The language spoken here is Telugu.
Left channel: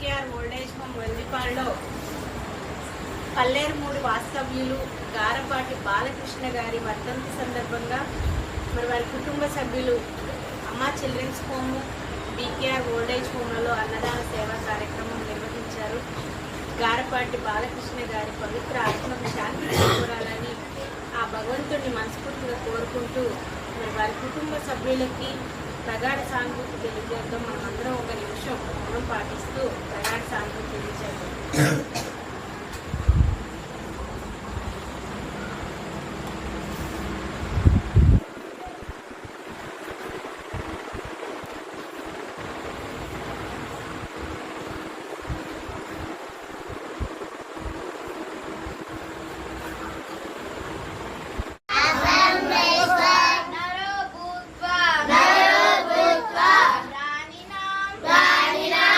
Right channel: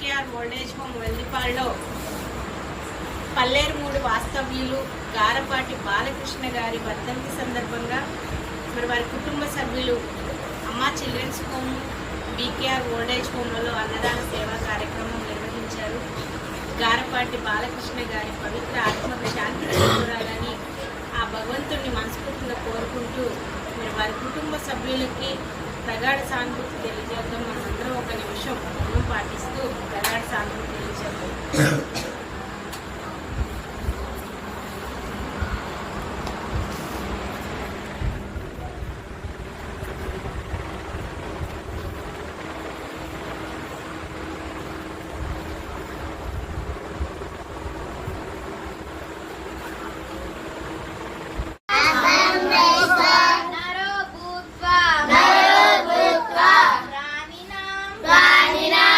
బీకేఆర్ ఓల్డేజ్ హోమ్ వెల్లిపాడులో పల్లేరుమూడి వాస్తవ్యులు గారపాటి బాలకృష్ణ గారి వర్ధంతి సందర్భంగా మరి వారి కుటుంబ సభ్యులు అమ్మా చిల్డ్రన్స్ హోమ్, బీకేఆర్ ఓల్డేజ్ హోమ్లలో అన్నదాన సేవా కార్యక్రమం నిర్వహించారు. గారపాటి బాలకృష్ణ గారి పవిత్ర ఆత్మకు శాంతి చేకూరాలని ఆ భగవంతుడిని మనస్ఫూర్తిగా కోరుకుంటూ మరి వారి కుటుంబ సభ్యులకి ప్రగాఢ సానుభూతి తెలియజేద్దాం. మనమందరం ఒక నిమిషం మౌనం పాటిస్తూ ప్రగాఢ సానుభూతి తెలియజేద్దాం.